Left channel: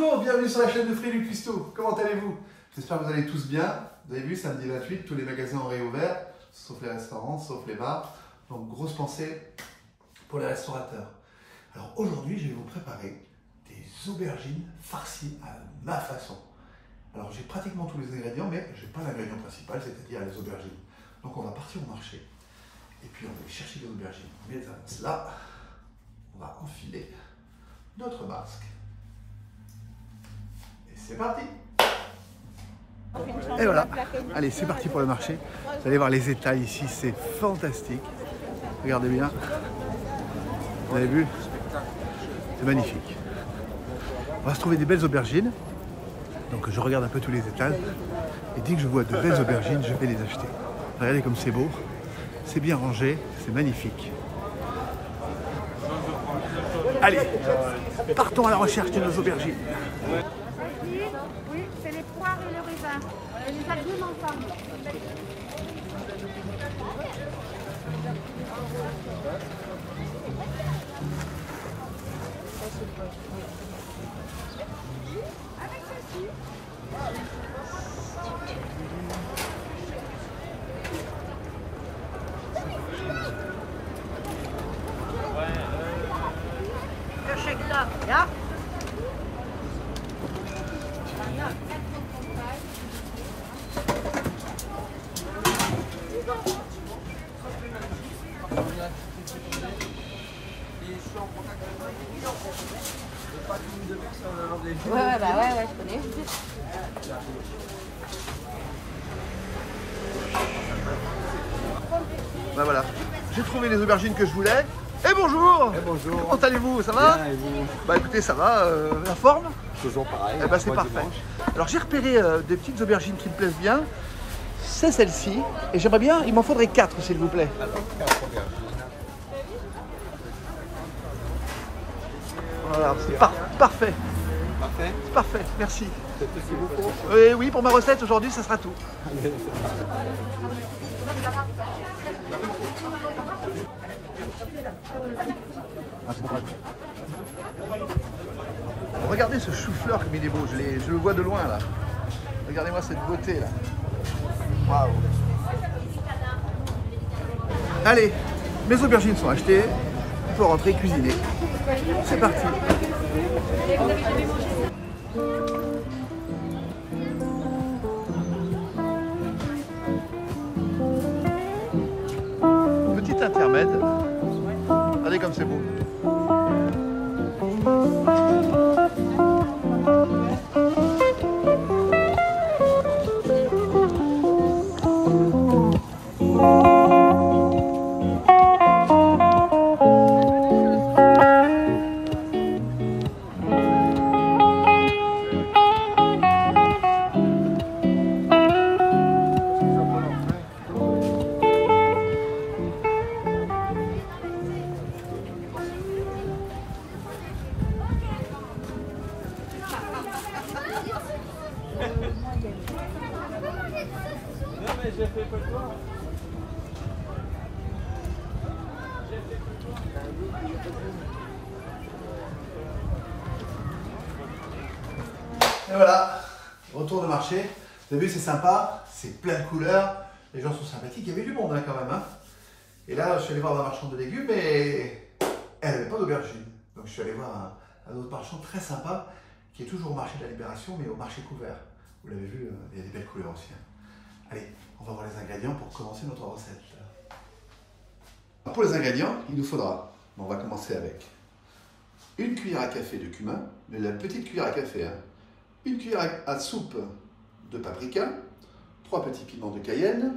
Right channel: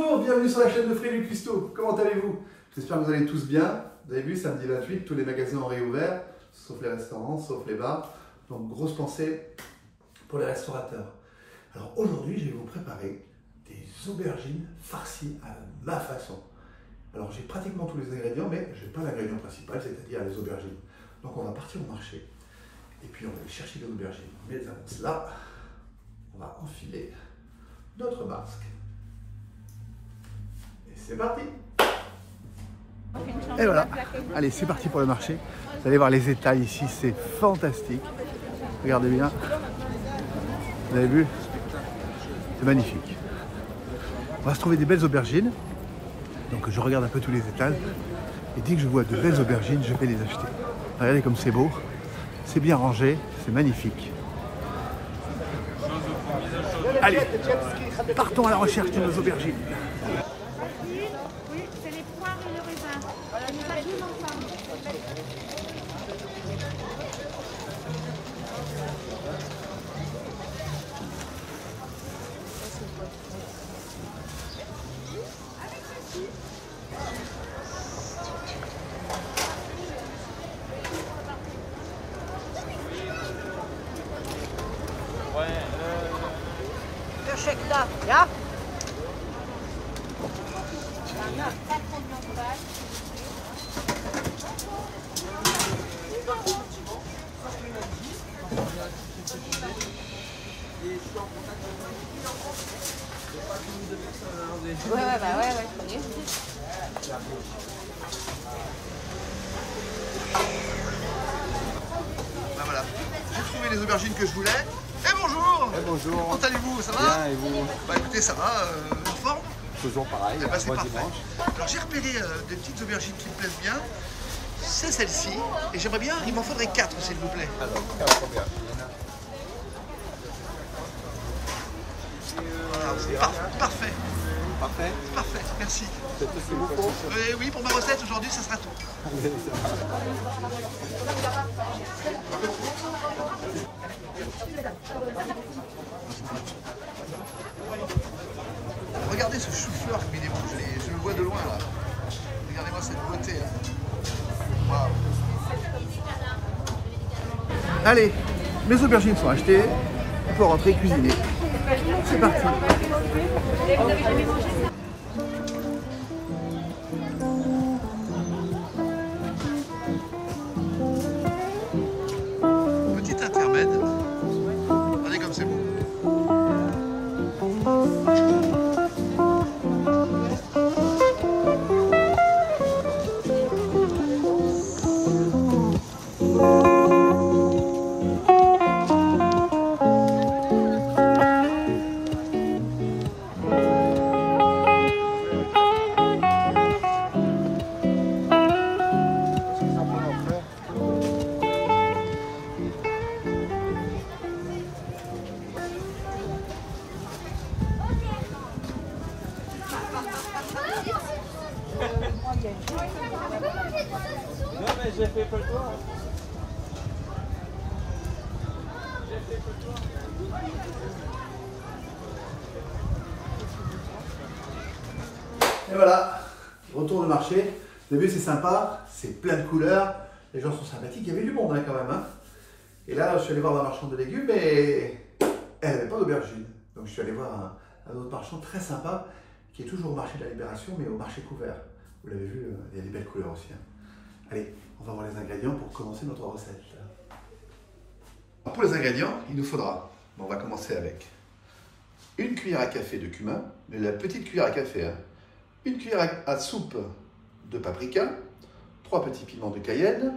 Bonjour, bienvenue sur la chaîne de Frédéric Cuisto. Comment allez-vous? J'espère que vous allez tous bien. Vous avez vu, samedi 28, tous les magasins ont réouvert, sauf les restaurants, sauf les bars. Donc, grosse pensée pour les restaurateurs. Alors aujourd'hui, je vais vous préparer des aubergines farcies à ma façon. Alors, j'ai pratiquement tous les ingrédients, mais je n'ai pas l'ingrédient principal, c'est-à-dire les aubergines. Donc, on va partir au marché. Et puis, on va aller chercher les aubergines. On les avance là. On va enfiler notre masque. Et c'est parti! Et voilà, allez, c'est parti pour le marché. Vous allez voir les étals ici, c'est fantastique. Regardez bien. Vous avez vu? C'est magnifique. On va se trouver des belles aubergines. Donc je regarde un peu tous les étals. Et dès que je vois de belles aubergines, je vais les acheter. Regardez comme c'est beau. C'est bien rangé, c'est magnifique. Allez, partons à la recherche de nos aubergines. Oui, c'est les poires et le raisin. Nous abîmes ensemble. Avec ceci. Ben voilà, j'ai trouvé les aubergines que je voulais. Et bonjour! Et bonjour! Comment allez-vous? Ça va? Bien, et vous? Bah écoutez, ça va, la forme? Toujours pareil. Eh ben, c'est parfait. Dimanche. Alors j'ai repéré des petites aubergines qui me plaisent bien. C'est celle-ci. Et j'aimerais bien, il m'en faudrait 4 s'il vous plaît. Alors, 4 aubergines. Voilà, c'est parfait. Parfait. Parfait, merci. C'est tout ce qu'il vous faut? Oui, pour ma recette aujourd'hui, ce sera tout. Allez, ça va. Regardez ce chou-fleur comme il est beau, je le vois de loin là. Regardez-moi cette beauté là. Waouh. Allez, mes aubergines sont achetées. On peut rentrer cuisiner. C'est parti. Petit intermède. Regardez comme c'est beau. Et voilà, retour de marché. Vous avez vu, c'est sympa, c'est plein de couleurs, les gens sont sympathiques, il y avait du monde hein, quand même. Hein. Et là, je suis allé voir un marchand de légumes et elle n'avait pas d'aubergine. Donc je suis allé voir un autre marchand très sympa qui est toujours au marché de la Libération, mais au marché couvert. Vous l'avez vu, il y a des belles couleurs aussi. Hein. Allez, on va voir les ingrédients pour commencer notre recette. Alors, pour les ingrédients, il nous faudra, on va commencer avec une cuillère à café de cumin, mais la petite cuillère à café, hein. Une cuillère à soupe de paprika, 3 petits piments de Cayenne,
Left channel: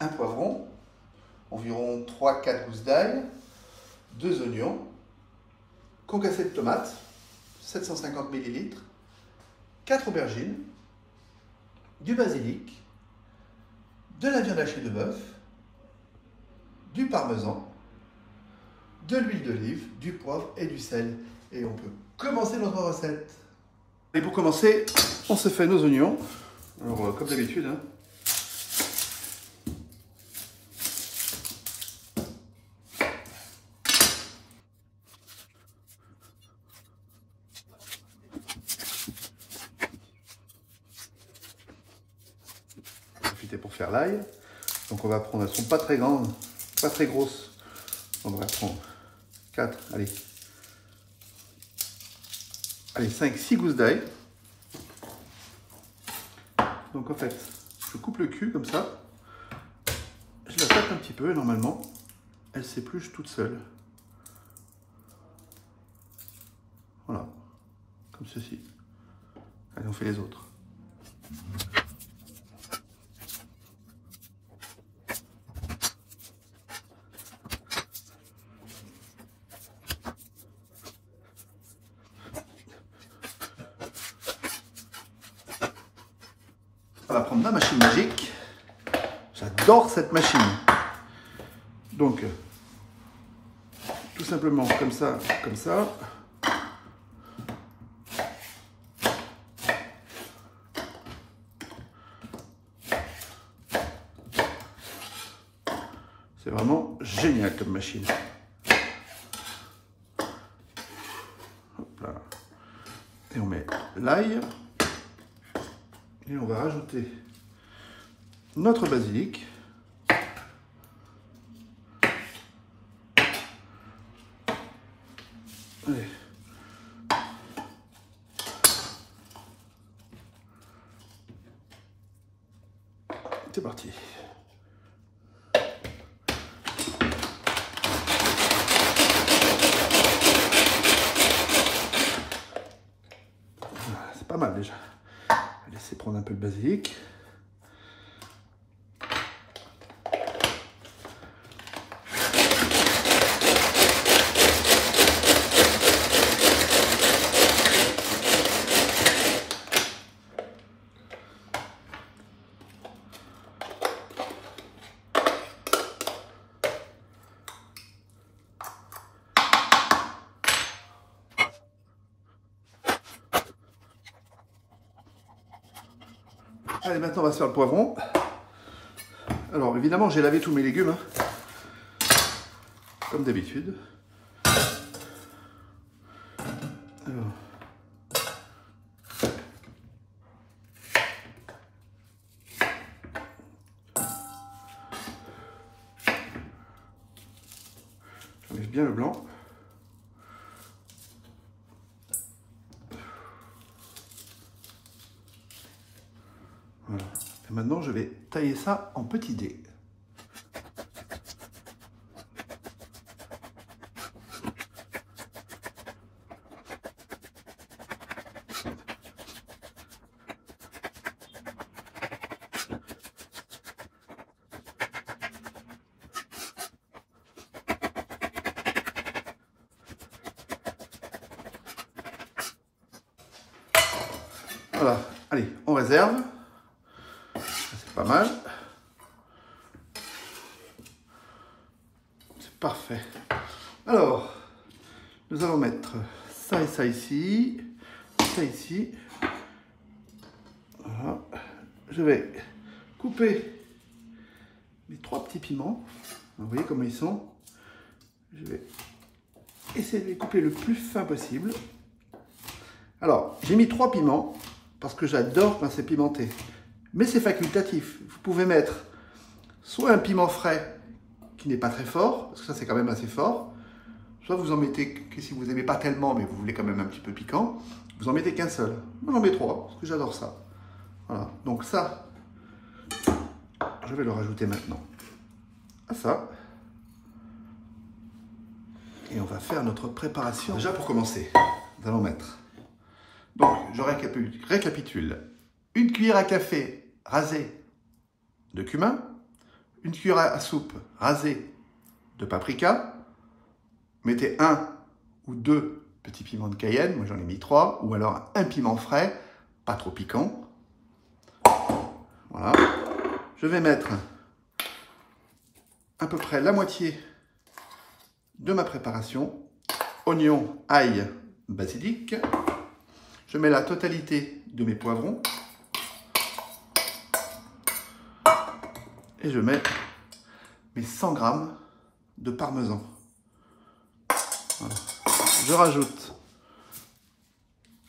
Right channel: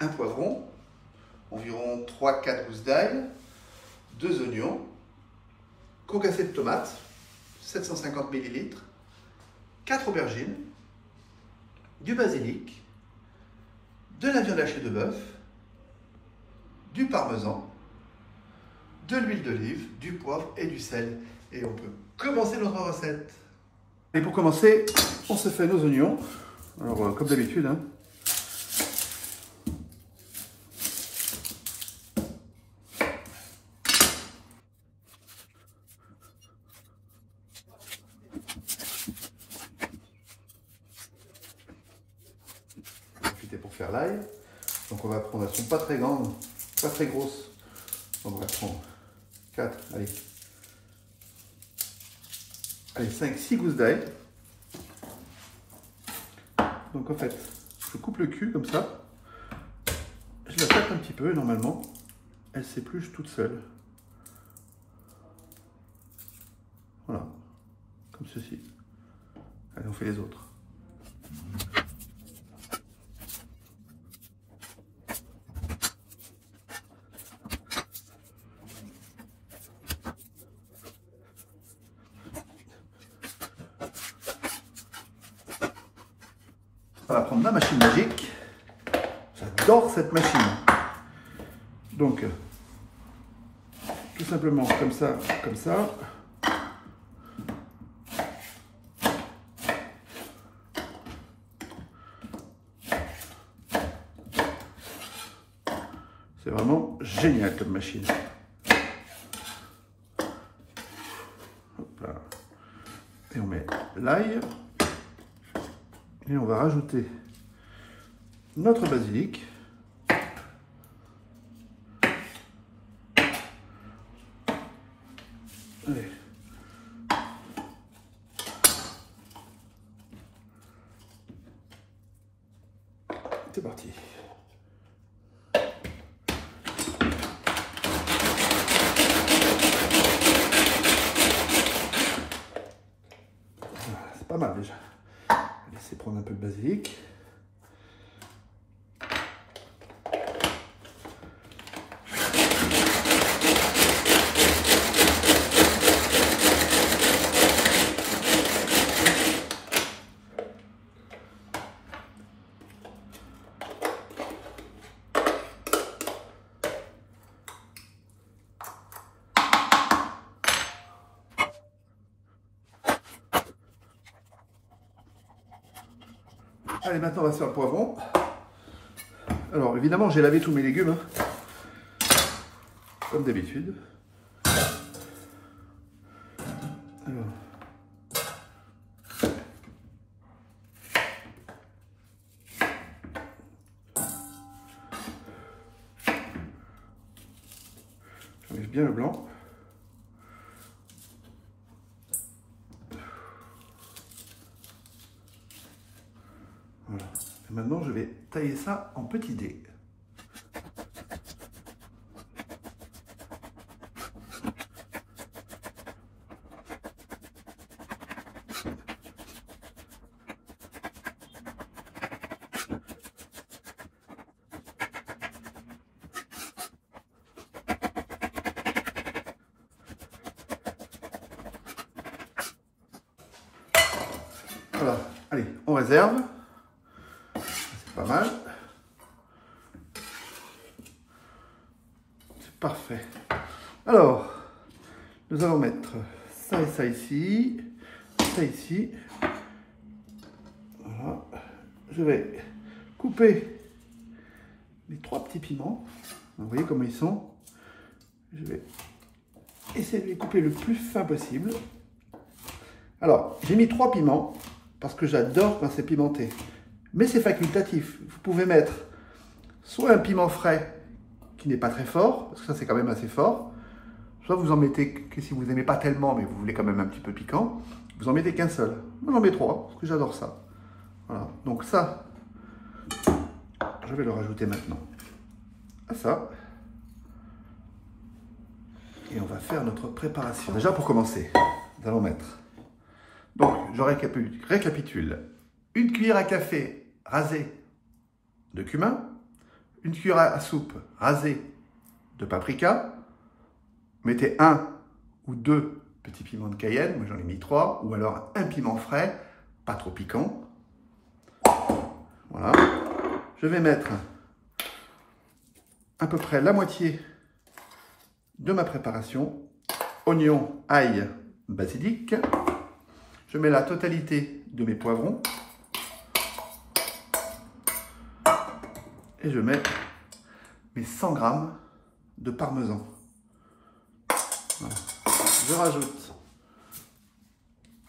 un poivron, environ 3-4 gousses d'ail, 2 oignons, concassé de tomates, 750 ml, 4 aubergines, du basilic, de la viande hachée de bœuf, du parmesan, de l'huile d'olive, du poivre et du sel. Et on peut commencer notre recette. Et pour commencer, on se fait nos oignons. Alors, comme d'habitude, hein. faire l'ail. Donc on va prendre, elles sont pas très grandes, pas très grosses. On va prendre 4, allez. Allez, 5, 6 gousses d'ail. Donc en fait, je coupe le cul comme ça. Je la tape un petit peu et normalement, elle s'épluche toute seule. Voilà, comme ceci. Allez, on fait les autres. On va prendre ma machine magique. J'adore cette machine. Donc, tout simplement comme ça, comme ça. C'est vraiment génial comme machine. Hop là. Et on met l'ail. Et on va rajouter notre basilic. Allez. C'est parti. C'est pas mal déjà. Laissez prendre un peu le basilic. Allez, maintenant on va se faire le poivron. Alors évidemment j'ai lavé tous mes légumes, hein, comme d'habitude. Alors. J'enlève bien le blanc. Voilà. Et maintenant, je vais tailler ça en petits dés. Voilà. Allez, on réserve. Pas mal. C'est parfait. Alors, nous allons mettre ça et ça ici, ça ici. Voilà. Je vais couper mes 3 petits piments. Vous voyez comment ils sont. Je vais essayer de les couper le plus fin possible. Alors, j'ai mis 3 piments parce que j'adore quand c'est pimenté. Mais c'est facultatif. Vous pouvez mettre soit un piment frais qui n'est pas très fort, parce que ça c'est quand même assez fort, soit vous en mettez que si vous n'aimez pas tellement, mais vous voulez quand même un petit peu piquant, vous en mettez qu'un seul. Moi j'en mets 3, parce que j'adore ça. Voilà, donc ça, je vais le rajouter maintenant à ça. Et on va faire notre préparation. Déjà pour commencer, nous allons mettre, donc je récapitule, 1 cuillère à café rasée de cumin, 1 cuillère à soupe rasée de paprika, mettez 1 ou 2 petits piments de Cayenne, moi j'en ai mis 3, ou alors un piment frais, pas trop piquant. Voilà. Je vais mettre à peu près la moitié de ma préparation, oignon, ail, basilic. Je mets la totalité de mes poivrons. Et je mets mes 100 g de parmesan. Voilà. Je rajoute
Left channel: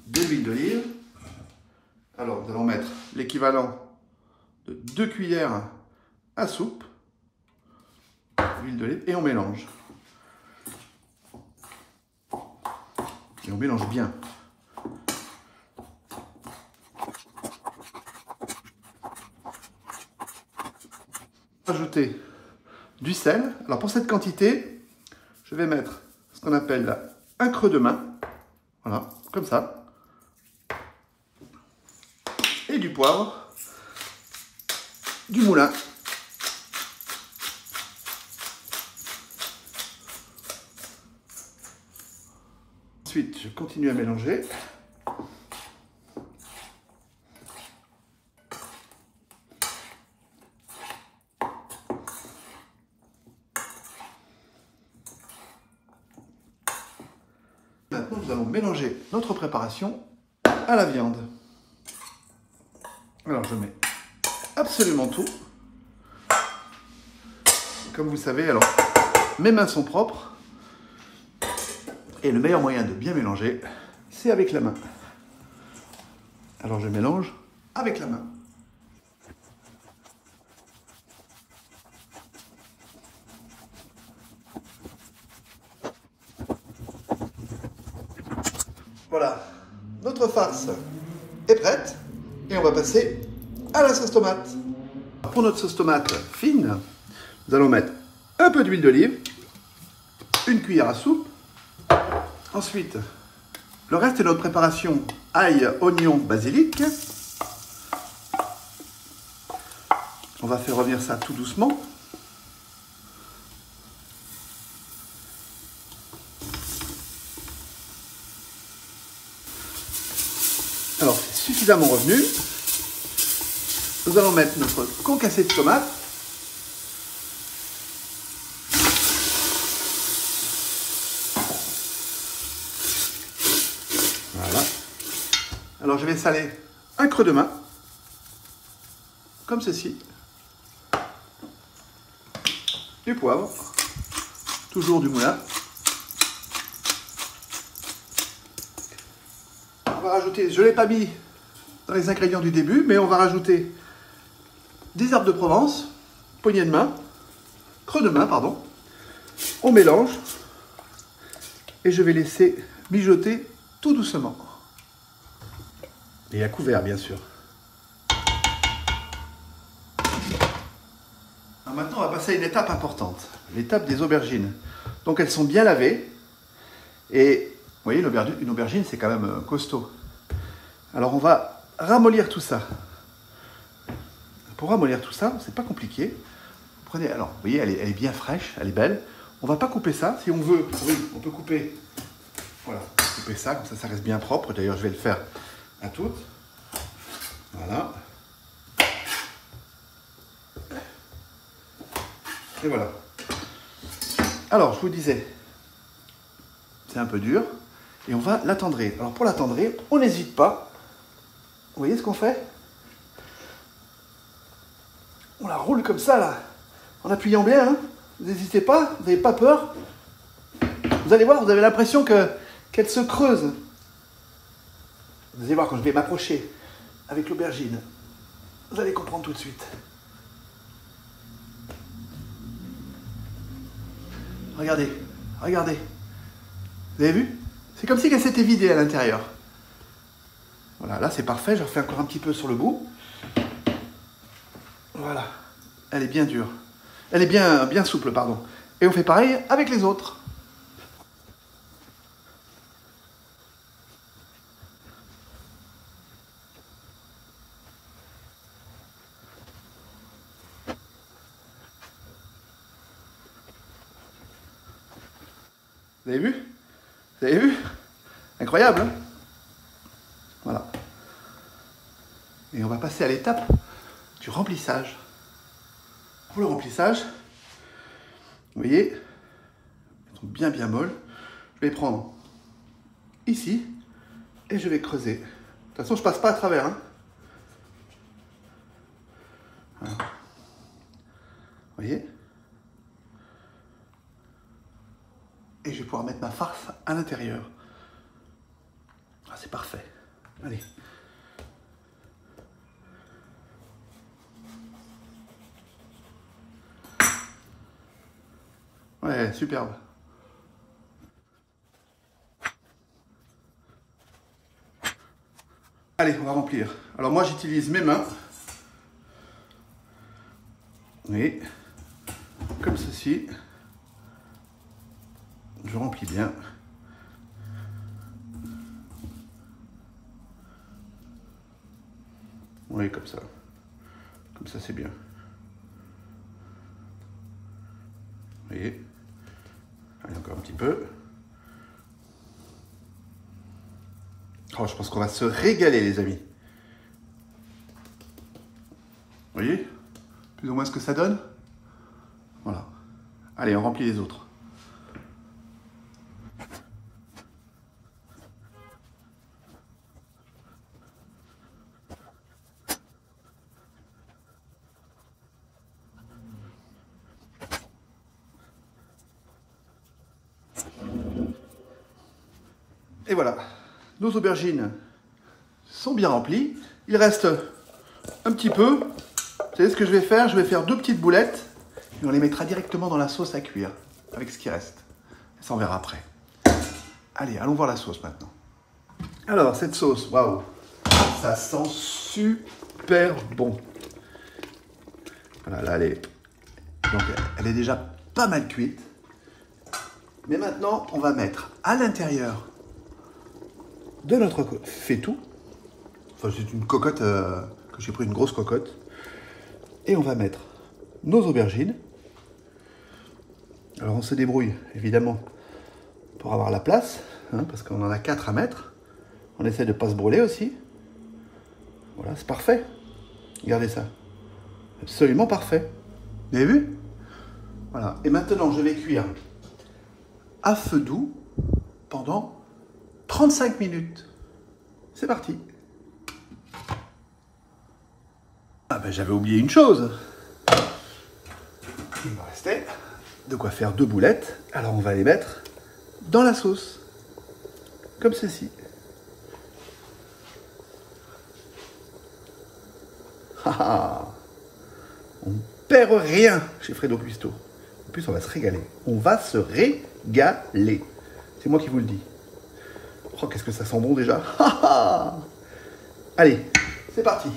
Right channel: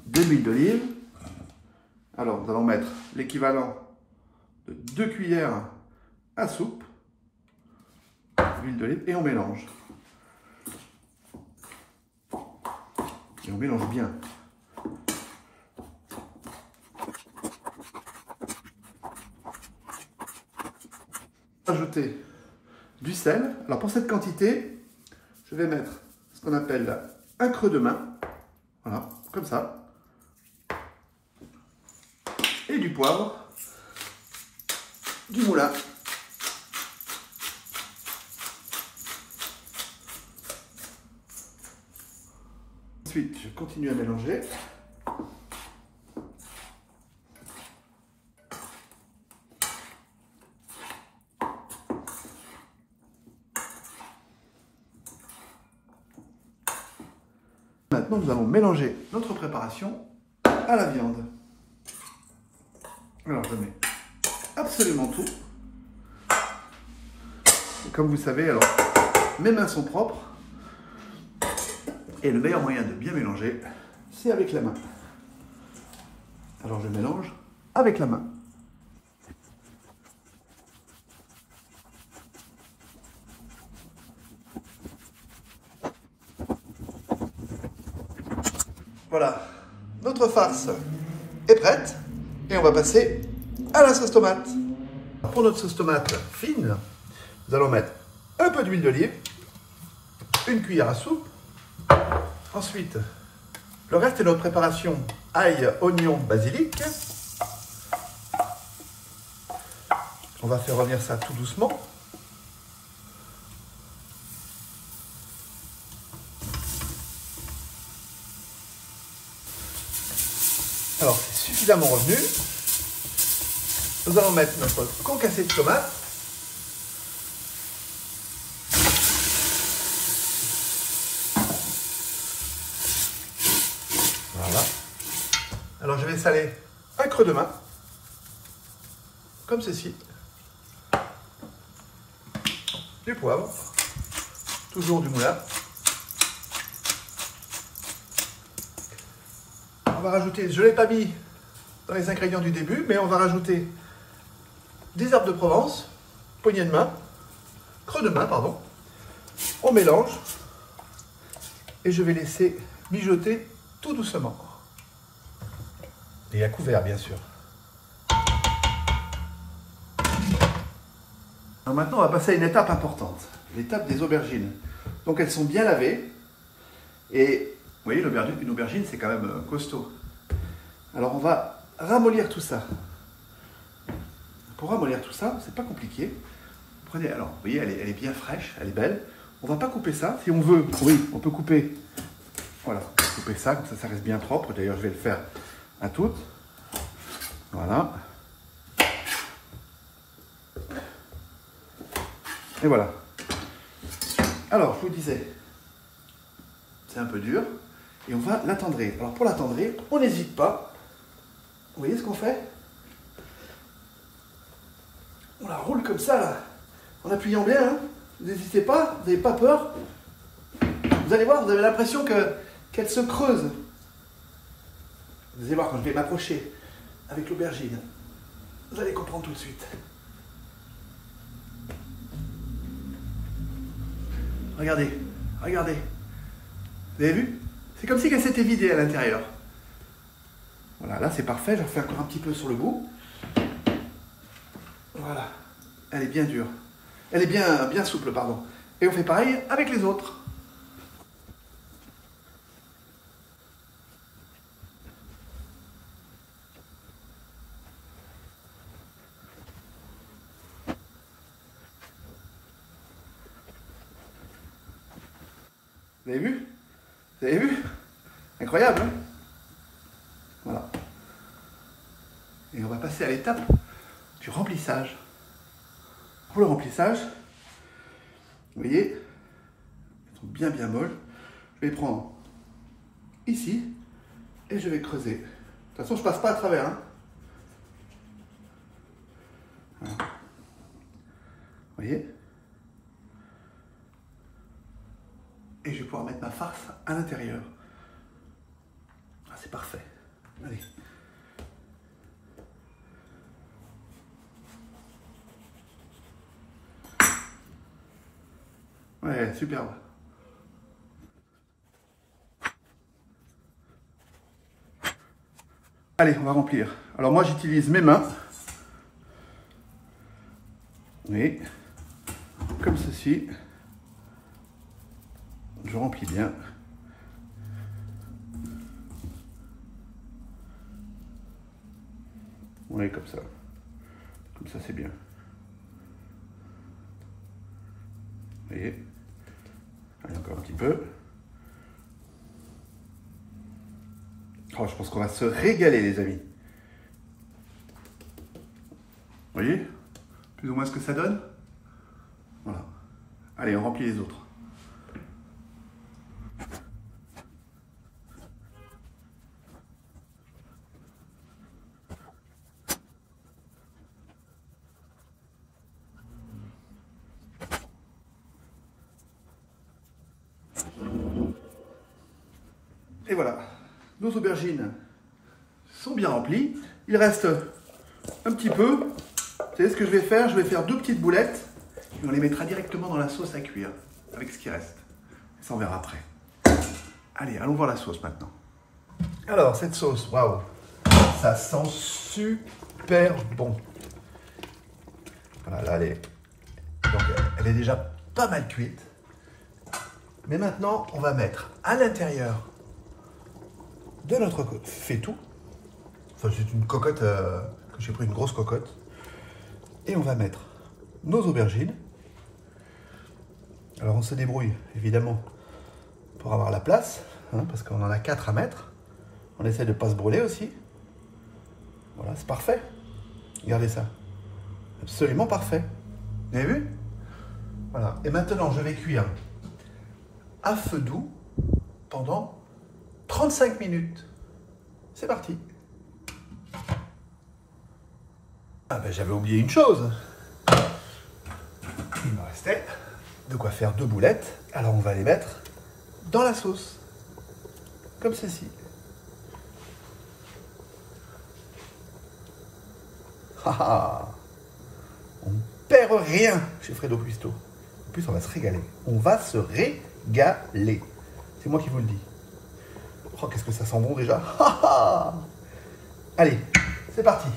de l'huile d'olive. Alors, nous allons mettre l'équivalent de 2 cuillères à soupe, l'huile d'olive, et on mélange. Et on mélange bien. Ajouter du sel. Alors pour cette quantité, je vais mettre ce qu'on appelle là, un creux de main. Voilà, comme ça. Et du poivre, du moulin. Ensuite, je continue à mélanger. Maintenant, nous allons mélanger notre préparation à la viande. Alors, je mets absolument tout. Et comme vous savez, alors, mes mains sont propres. Et le meilleur moyen de bien mélanger, c'est avec la main. Alors, je mélange avec la main. Voilà, notre farce est prête et on va passer à la sauce tomate. Pour notre sauce tomate fine, nous allons mettre un peu d'huile d'olive, une cuillère à soupe. Ensuite, le reste est notre préparation ail, oignon, basilic. On va faire revenir ça tout doucement. Alors, c'est suffisamment revenu. Nous allons mettre notre concassé de tomate. Voilà. Alors, je vais saler un creux de main, comme ceci. Du poivre, toujours du moulin. On va rajouter, je ne l'ai pas mis dans les ingrédients du début, mais on va rajouter des herbes de Provence, poignée de main, creux de main, pardon. On mélange et je vais laisser mijoter tout doucement. Et à couvert, bien sûr. Alors maintenant, on va passer à une étape importante, l'étape des aubergines. Donc elles sont bien lavées et vous voyez, une aubergine, c'est quand même costaud. Alors, on va ramollir tout ça. Pour ramollir tout ça, c'est pas compliqué. Vous prenez, alors, vous voyez, elle est bien fraîche, elle est belle. On va pas couper ça. Si on veut, oui, on peut couper. Voilà, on peut couper ça, comme ça reste bien propre. D'ailleurs, je vais le faire à toutes. Voilà. Et voilà. Alors, je vous disais, c'est un peu dur. Et on va l'attendrir. Alors pour l'attendrir, on n'hésite pas. Vous voyez ce qu'on fait? On la roule comme ça, là. En appuyant bien. Hein. N'hésitez pas, vous n'avez pas peur. Vous allez voir, vous avez l'impression qu'elle se creuse. Vous allez voir quand je vais m'approcher avec l'aubergine. Vous allez comprendre tout de suite. Regardez, regardez. Vous avez vu? C'est comme si elle s'était vidée à l'intérieur. Voilà, là c'est parfait. Je refais encore un petit peu sur le bout. Voilà. Elle est bien dure. Elle est bien souple, pardon. Et on fait pareil avec les autres. Vous avez vu? Vous avez vu? Incroyable, hein? Voilà. Et on va passer à l'étape du remplissage. Pour le remplissage, vous voyez, elles sont bien molles. Je vais prendre ici et je vais creuser. De toute façon, je passe pas à travers. Hein. Voilà. Vous voyez? Et je vais pouvoir mettre ma farce à l'intérieur. Ah, c'est parfait. Allez. Ouais, superbe. Allez, on va remplir. Alors moi, j'utilise mes mains. Oui, comme ceci. Je remplis bien. Oui, comme ça. Comme ça, c'est bien. Vous voyez? Allez, encore un petit peu. Oh, je pense qu'on va se régaler, les amis. Vous voyez? Plus ou moins ce que ça donne. Voilà. Allez, on remplit les autres. Et voilà, nos aubergines sont bien remplies. Il reste un petit peu. Vous savez ce que je vais faire? Je vais faire 2 petites boulettes et on les mettra directement dans la sauce à cuire avec ce qui reste. Ça, on verra après. Allez, allons voir la sauce maintenant. Alors, cette sauce, waouh, ça sent super bon. Voilà, là, elle est déjà pas mal cuite. Mais maintenant, on va mettre à l'intérieur de notre faitout. Enfin, c'est une cocotte, que j'ai pris une grosse cocotte. Et on va mettre nos aubergines. Alors, on se débrouille, évidemment, pour avoir la place, hein, parce qu'on en a 4 à mettre. On essaie de ne pas se brûler aussi. Voilà, c'est parfait. Regardez ça. Absolument parfait. Vous avez vu? Voilà. Et maintenant, je vais cuire à feu doux pendant 35 minutes. C'est parti. Ah ben, j'avais oublié une chose. Il me restait de quoi faire 2 boulettes. Alors on va les mettre dans la sauce. Comme ceci. On ne perd rien chez Fredo Cuisto. En plus, on va se régaler. On va se régaler. C'est moi qui vous le dis. Oh, qu'est-ce que ça sent bon déjà. Allez, c'est parti.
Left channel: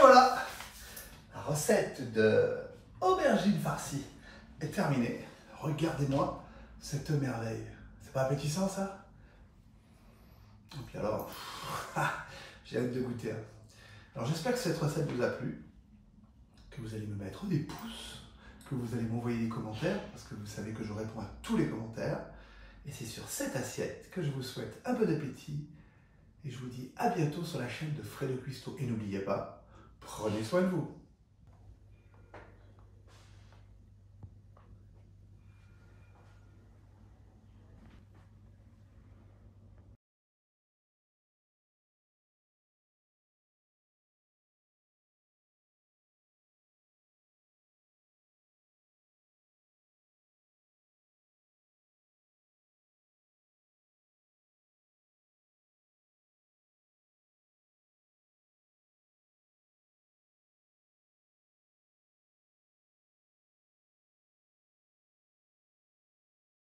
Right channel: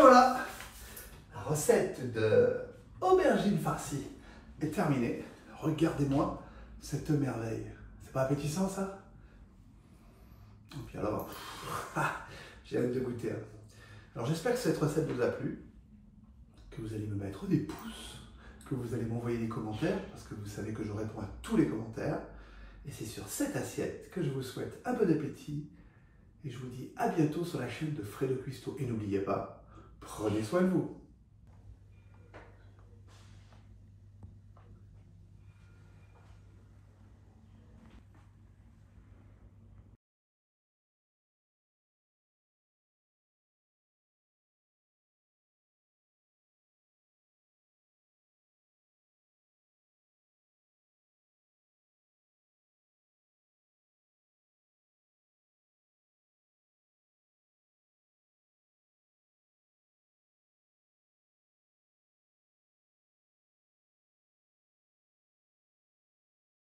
Voilà, la recette de aubergine farcie est terminée. Regardez-moi cette merveille. C'est pas appétissant ça? Et puis alors, j'ai hâte de goûter. Alors j'espère que cette recette vous a plu, que vous allez me mettre des pouces, que vous allez m'envoyer des commentaires, parce que vous savez que je réponds à tous les commentaires. Et c'est sur cette assiette que je vous souhaite un bon appétit. Et je vous dis à bientôt sur la chaîne de Fredo Cuisto. Et n'oubliez pas, prenez soin de vous.